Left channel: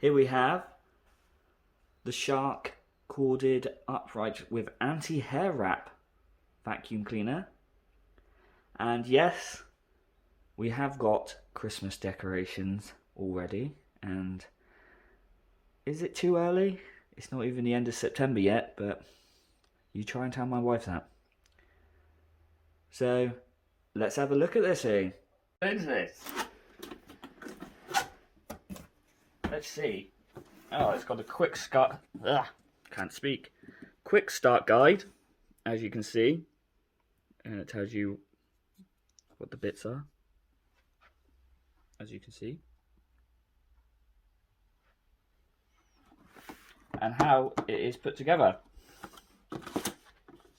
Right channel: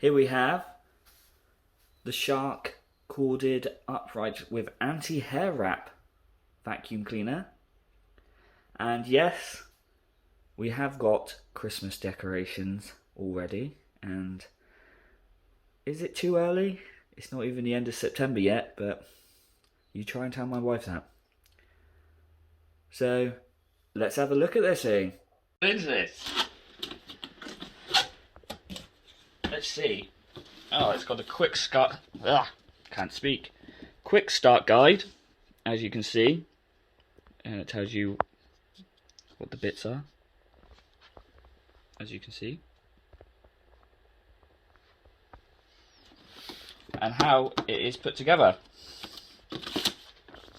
Here we have the Shark corded upright with anti-hair wrap vacuum cleaner. And yes, we have got Christmas decorations already. And is it too early? It's not even the end of September yet, but you try and tell my wife that. So let's have a look at this thing. What is this? Let's see. Oh, it's got a quick start. Can't speak. Quick start guide, as you can see, and it tells you what the bits are, as you can see, and how it is put together.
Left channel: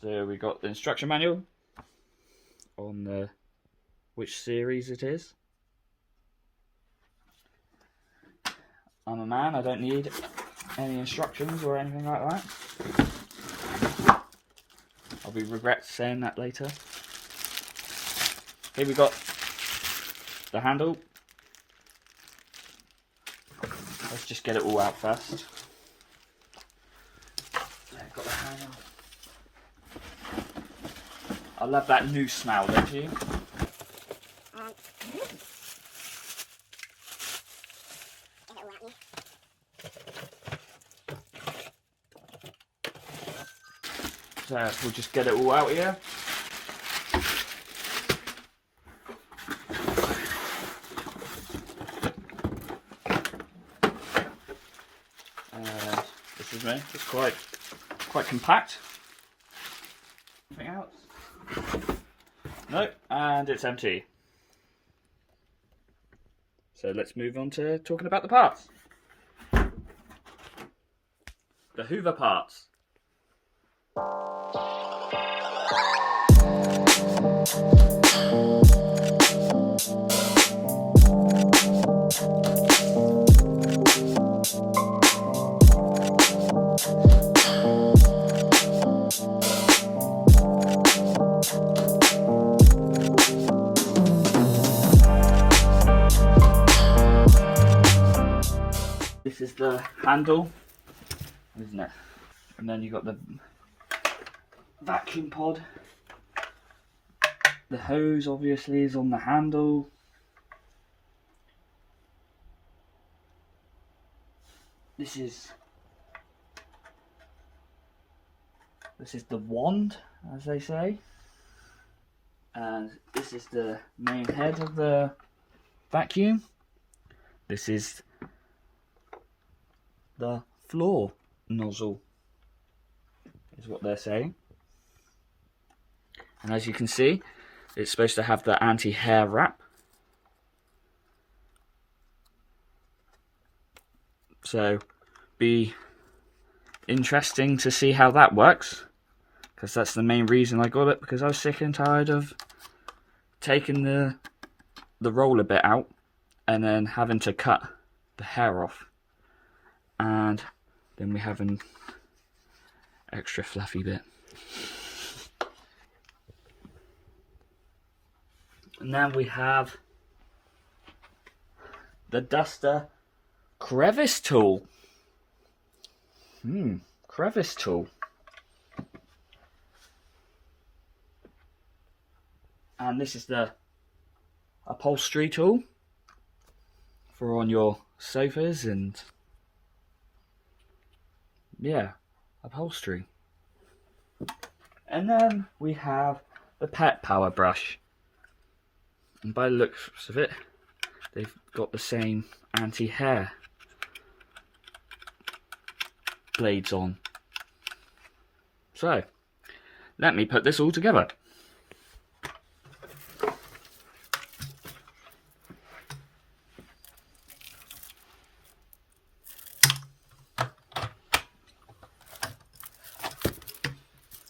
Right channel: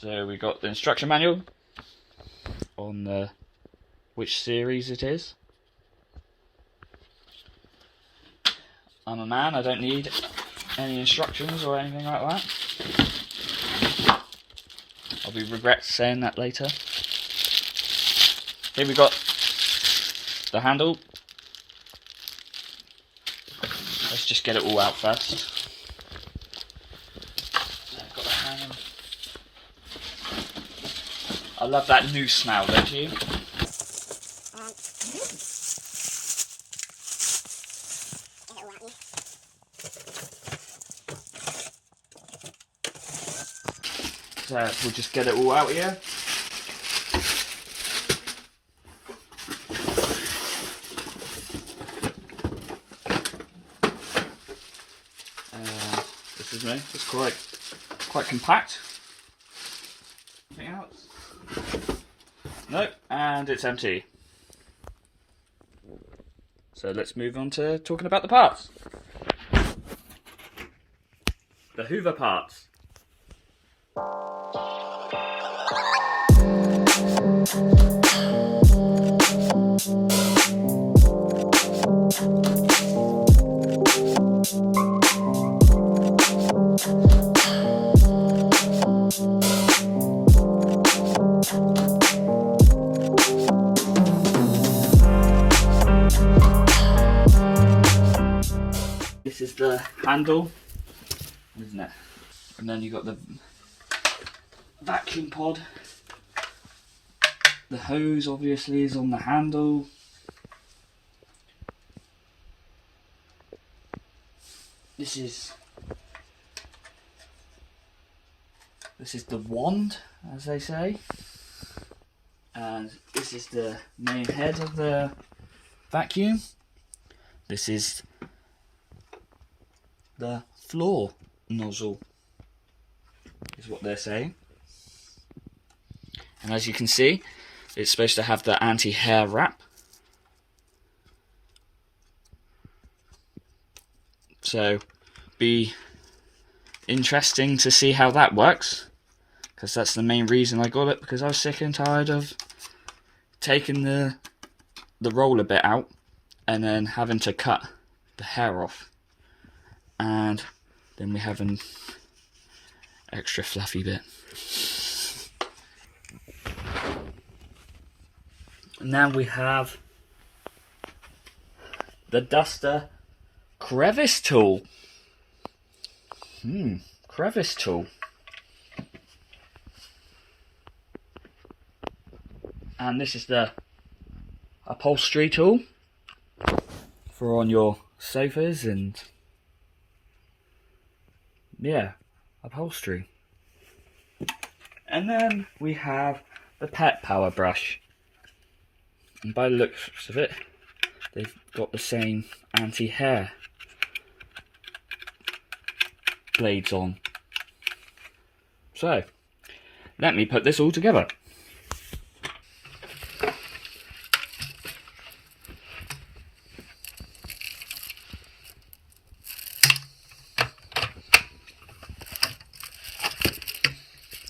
So we got the instruction manual on which series it is. I'm a man, I don't need any instructions or anything like that. I'll be regret saying that later. Here we got the handle. Let's just get it all out first. I've got the handle. I love that noose smell, don't you? So we'll just get it all out here. This is me. It's quite compact. Anything else? Nope, and it's empty. So let's move on to talking about the parts. The Hoover parts. This is the handle, isn't it? And then you got the vacuum pod. The hose obviously is on the handle. This is the wand, as they say. And this is the main head of the vacuum. This is the floor nozzle, is what they're saying. And as you can see, it's supposed to have the anti-hair wrap. So, be interesting to see how that works, because that's the main reason I got it, because I was sick and tired of taking the roller bit out and then having to cut the hair off. And then we have an extra fluffy bit. Now we have the duster crevice tool. Crevice tool. And this is the upholstery tool for on your sofas and upholstery. And then we have the pet power brush. And by the looks of it, they've got the same anti-hair blades on. So, let me put this all together.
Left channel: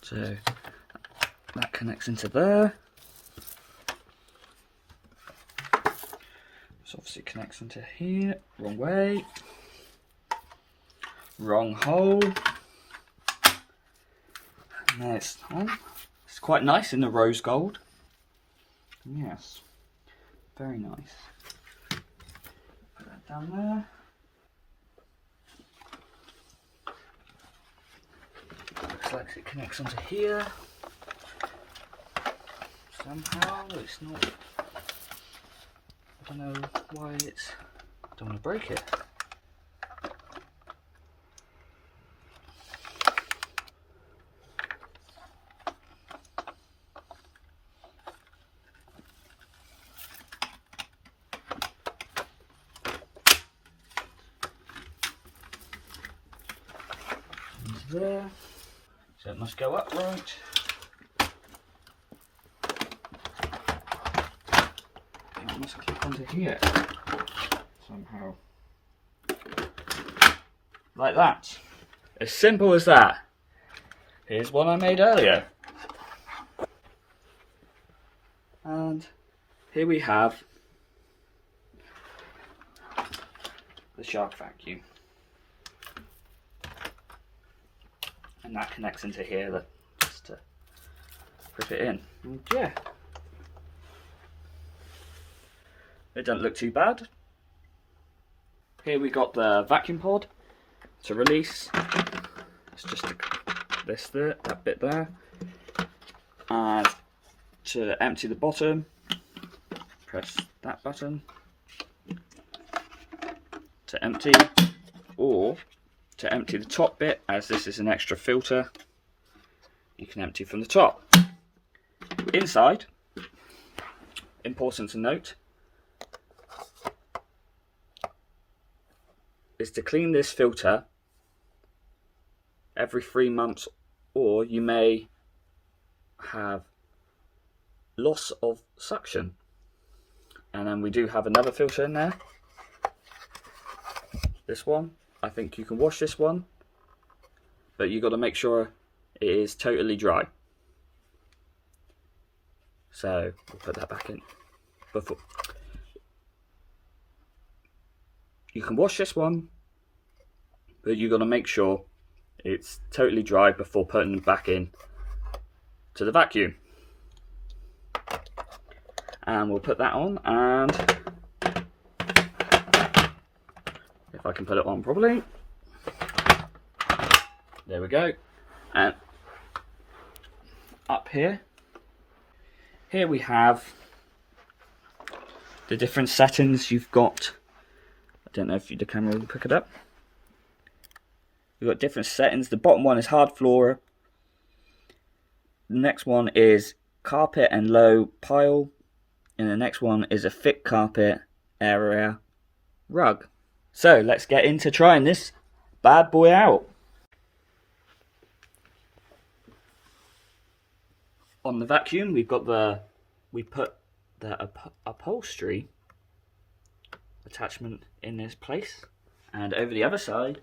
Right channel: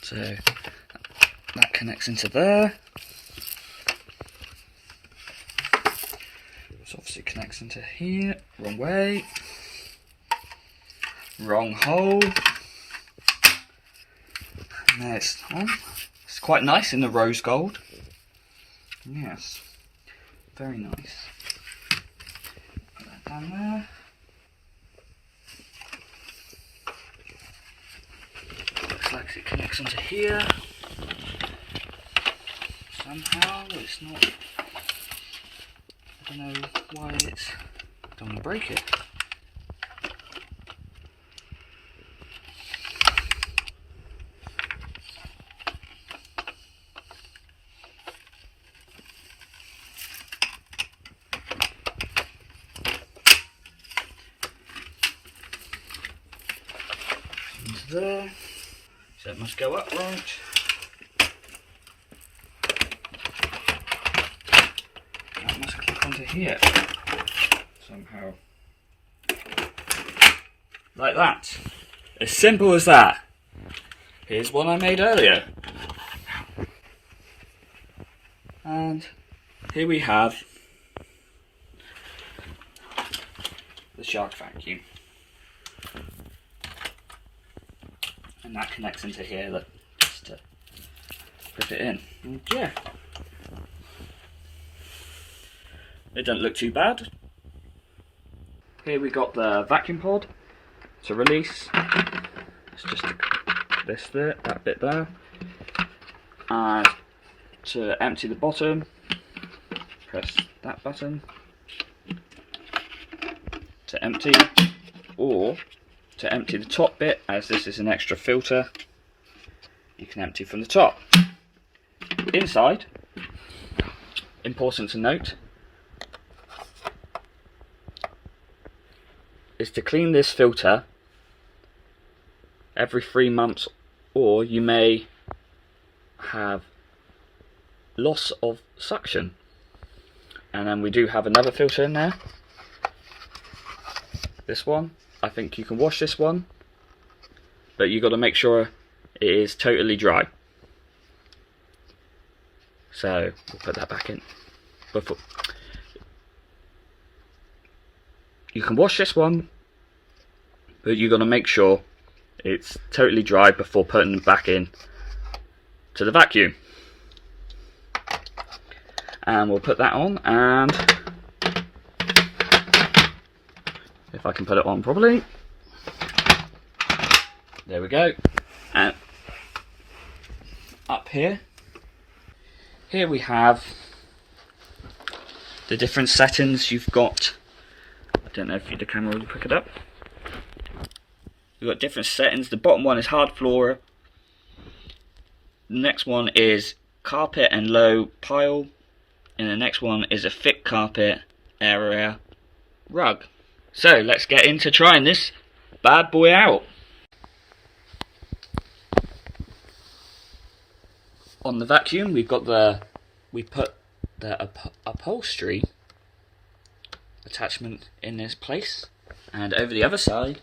So, that connects into there. This obviously connects into here. Wrong way. Wrong hole. And there it's on. It's quite nice in the rose gold. Yes. Very nice. Put that down there. because it connects onto here. Somehow it's not. I don't know why it's. I don't want to break it. Into there. So it must go upright. That must click onto here somehow. Like that. As simple as that. Here's one I made earlier. And here we have the shark vacuum. And that connects into here just to grip it in. And yeah. It doesn't look too bad. Here we got the vacuum pod to release. It's just this there, that bit there. And to empty the bottom, press that button to empty, or to empty the top bit, as this is an extra filter, you can empty from the top. Inside, important to note, is to clean this filter every 3 months, or you may have loss of suction. And then we do have another filter in there, this one. I think you can wash this one, but you've got to make sure it is totally dry. So we'll put that back in. Before you can wash this one, but you've got to make sure it's totally dry before putting it back in to the vacuum. And we'll put that on, and if I can put it on properly, there we go. And up here we have the different settings you've got. I don't know if the camera will pick it up. We've got different settings. The bottom one is hard floor. The next one is carpet and low pile. And the next one is a thick carpet area rug. So let's get into trying this bad boy out. On the vacuum, we put the upholstery attachment in this place, and over the other side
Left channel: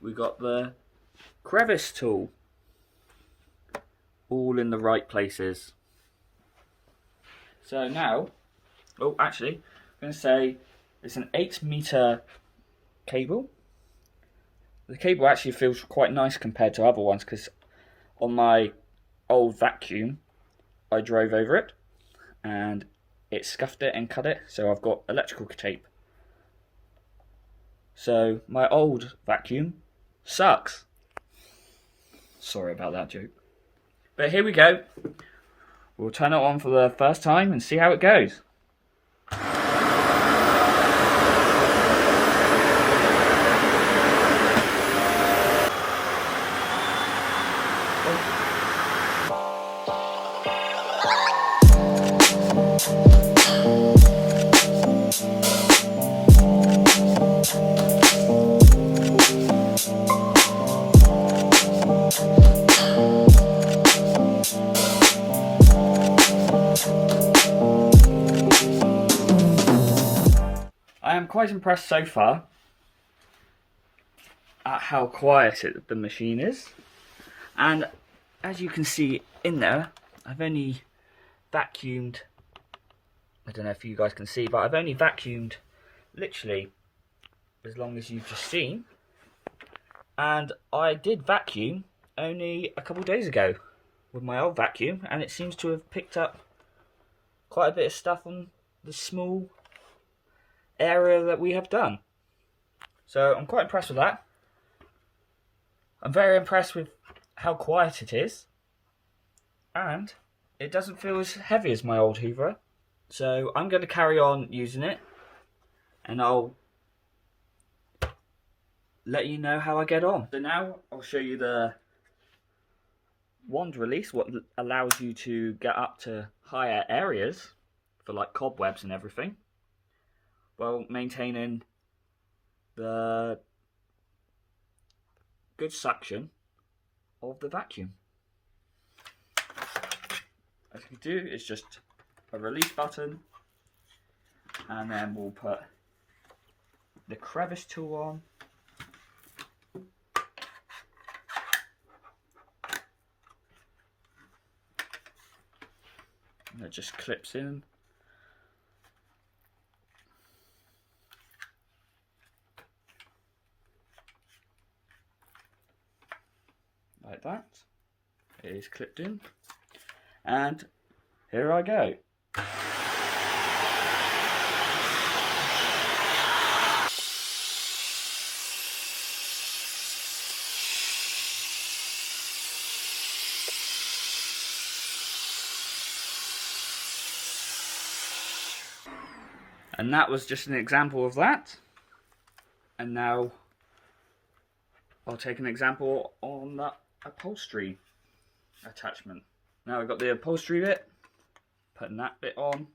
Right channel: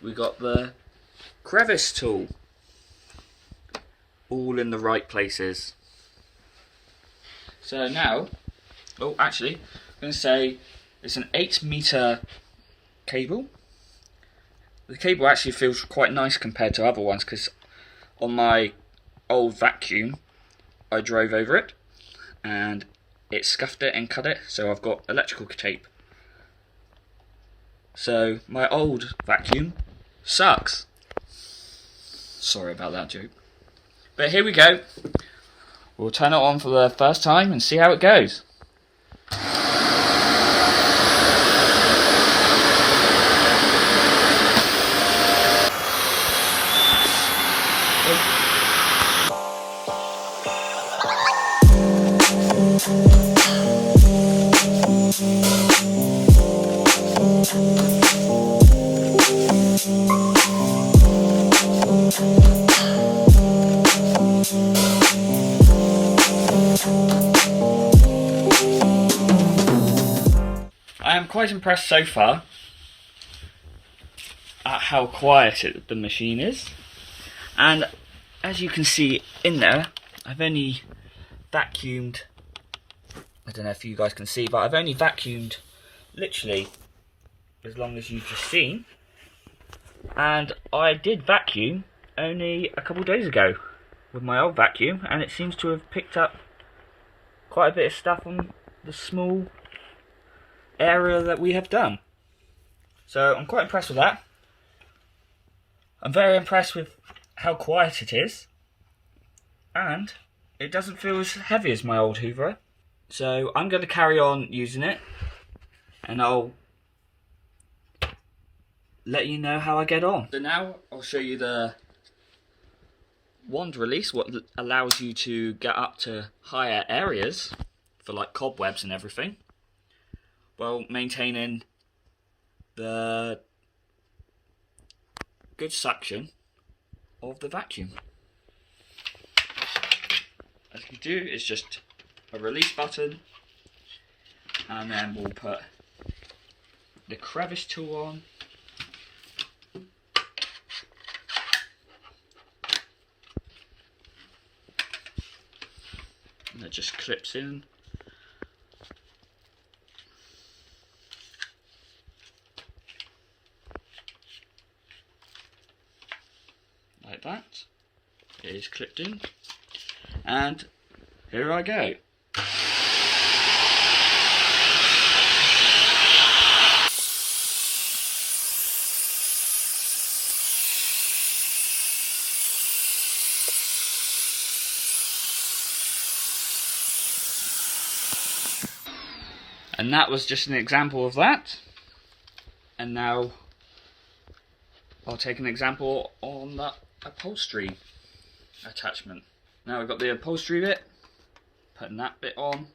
we got the crevice tool, all in the right places. So now, oh actually, I'm going to say it's an 8-meter cable. The cable actually feels quite nice compared to other ones, because on my old vacuum I drove over it and it scuffed it and cut it, so I've got electrical tape. So my old vacuum sucks. Sorry about that joke. But here we go. We'll turn it on for the first time and see how it goes. I am quite impressed so far at how quiet the machine is, and as you can see in there, I've only vacuumed, I don't know if you guys can see, but I've only vacuumed literally as long as you've just seen, and I did vacuum only a couple days ago with my old vacuum, and it seems to have picked up quite a bit of stuff on the small area that we have done. So I'm quite impressed with that. I'm very impressed with how quiet it is, and it doesn't feel as heavy as my old Hoover. So I'm going to carry on using it, and I'll let you know how I get on. So now I'll show you the wand release, what allows you to get up to higher areas for like cobwebs and everything, while maintaining the good suction of the vacuum. As you do, it's just a release button, and then we'll put the crevice tool on. And it just clips in. Like that. It is clipped in. And here I go. And that was just an example of that. And now I'll take an example on that upholstery attachment. Now we've got the upholstery bit, putting that bit on.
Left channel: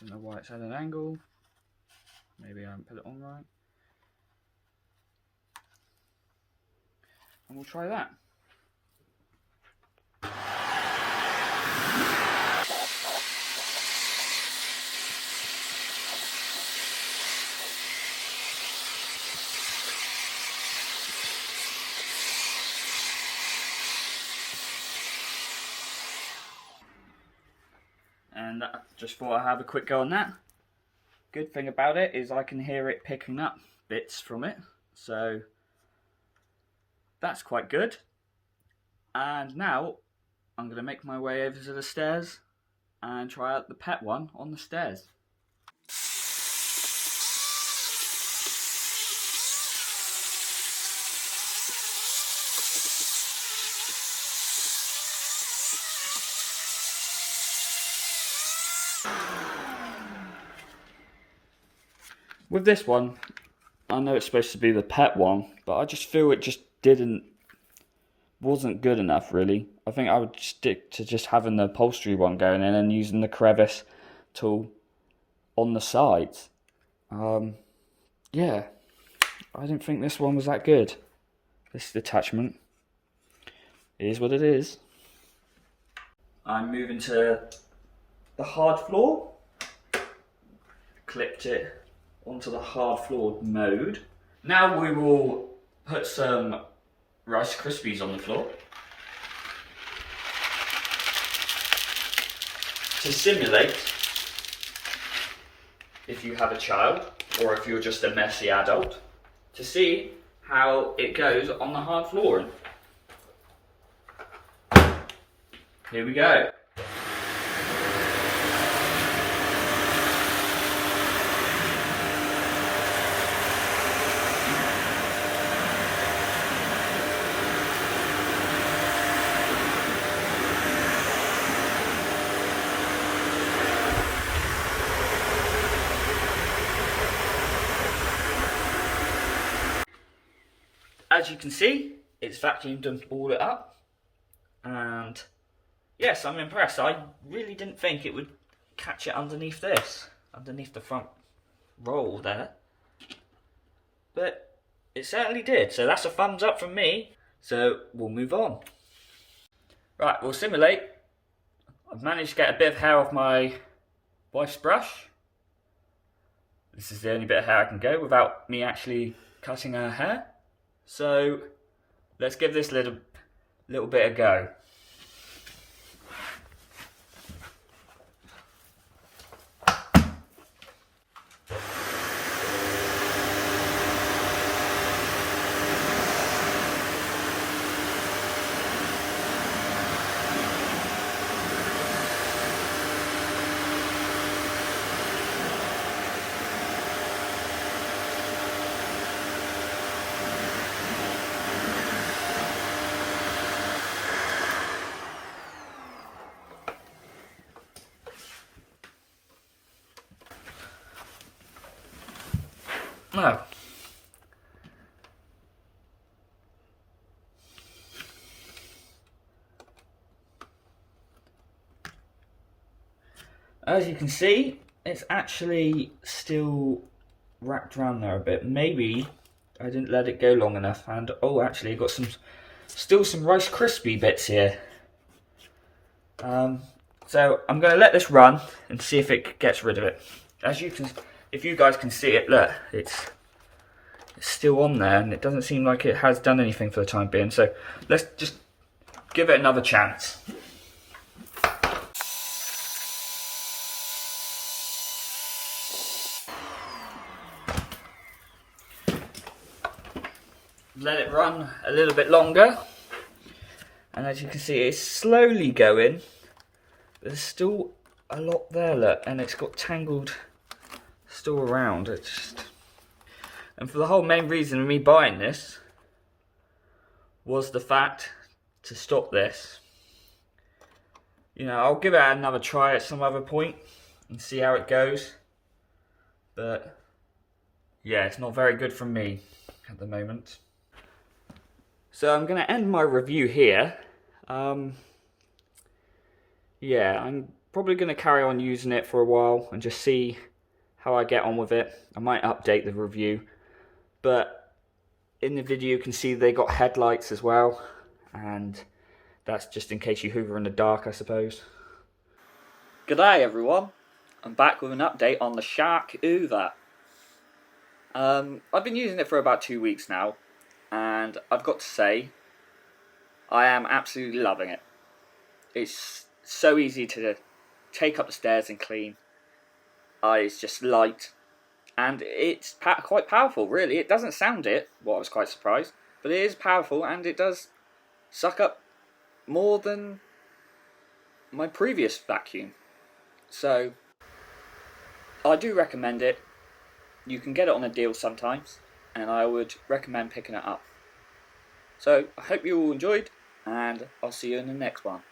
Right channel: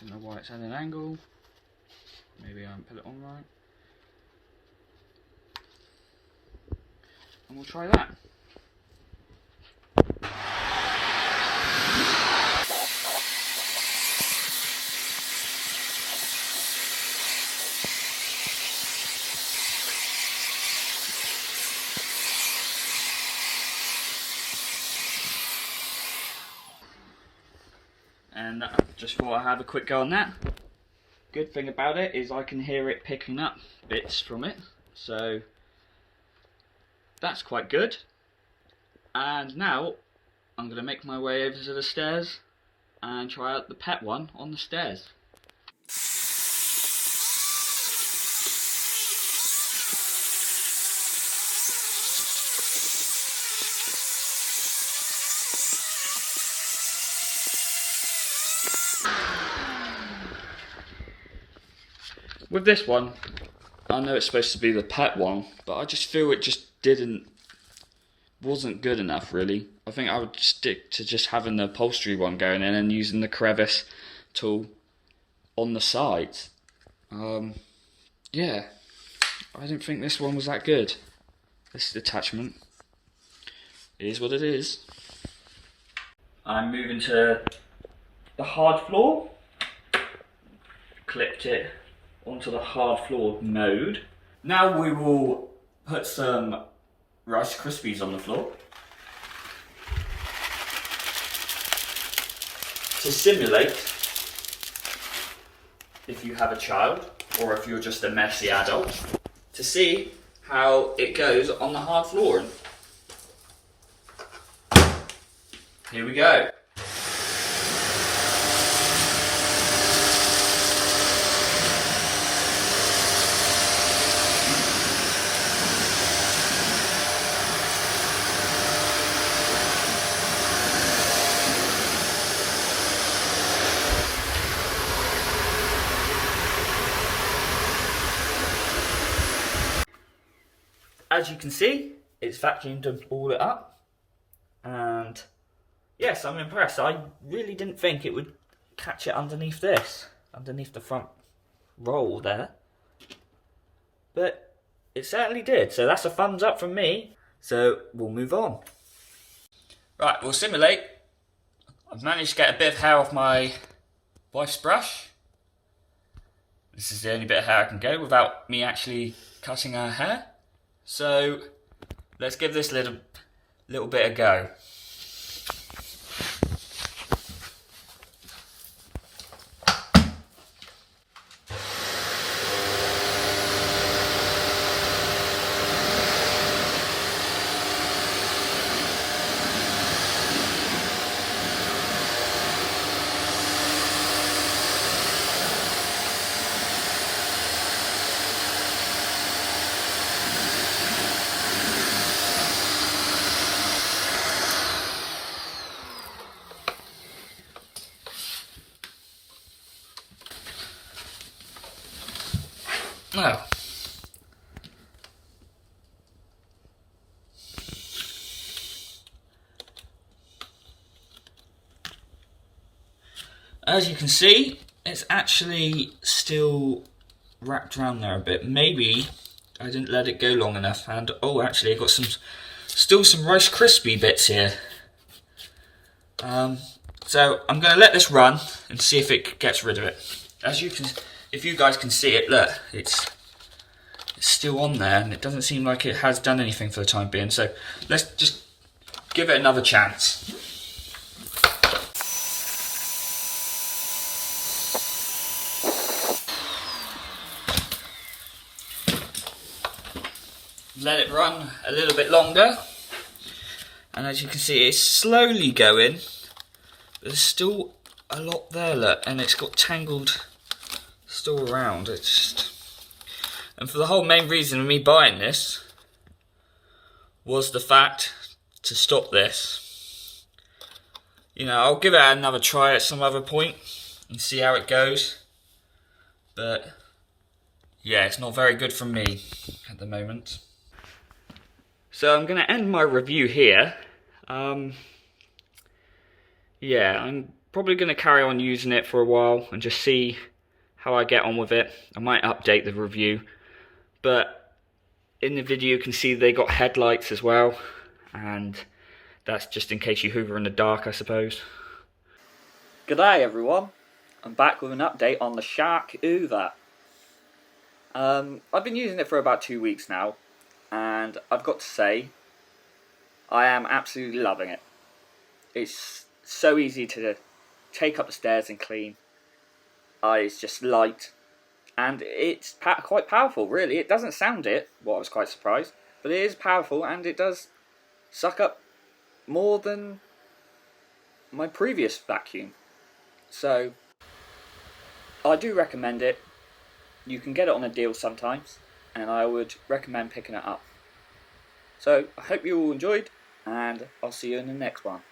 Don't know why it's at an angle. Maybe I haven't put it on right. And we'll try that. And I just thought I'd have a quick go on that. Good thing about it is I can hear it picking up bits from it, so that's quite good. And now I'm going to make my way over to the stairs and try out the pet one on the stairs. With this one, I know it's supposed to be the pet one, but I just feel it just wasn't good enough really. I think I would stick to just having the upholstery one going in and using the crevice tool on the sides. Yeah, I didn't think this one was that good. This attachment is what it is. I'm moving to the hard floor. Clipped it onto the hard floor mode. Now we will put some Rice Krispies on the floor to simulate if you have a child or if you're just a messy adult, to see how it goes on the hard floor. Here we go. As you can see, it's vacuumed and all it up, and yes, I'm impressed. I really didn't think it would catch it underneath this, underneath the front roll there, but it certainly did. So that's a thumbs up from me. So we'll move on. Right, we'll simulate. I've managed to get a bit of hair off my wife's brush. This is the only bit of hair I can go without me actually cutting her hair. So let's give this little bit a go. Oh. As you can see, it's actually still wrapped around there a bit. Maybe I didn't let it go long enough, and oh, actually, I got still some Rice Krispie bits here. So I'm going to let this run and see if it gets rid of it. If you guys can see it, look, it's still on there, and it doesn't seem like it has done anything for the time being. So let's just give it another chance. Let it run a little bit longer, and as you can see, it's slowly going, but there's still a lot there, look, and it's got tangled still around. And for the whole main reason of me buying this was the fact to stop this. You know, I'll give it another try at some other point and see how it goes, but yeah, it's not very good for me at the moment. So I'm going to end my review here. Yeah, I'm probably going to carry on using it for a while and just see how I get on with it. I might update the review, but in the video you can see they got headlights as well, and that's just in case you hoover in the dark, I suppose. G'day everyone, I'm back with an update on the Shark Hoover. I've been using it for about 2 weeks now, and I've got to say, I am absolutely loving it. It's so easy to take up the stairs and clean. It's just light, and it's quite powerful, really. It doesn't sound it, what I was quite surprised, but it is powerful, and it does suck up more than my previous vacuum. So, I do recommend it. You can get it on a deal sometimes, and I would recommend picking it up. So, I hope you all enjoyed, and I'll see you in the next one.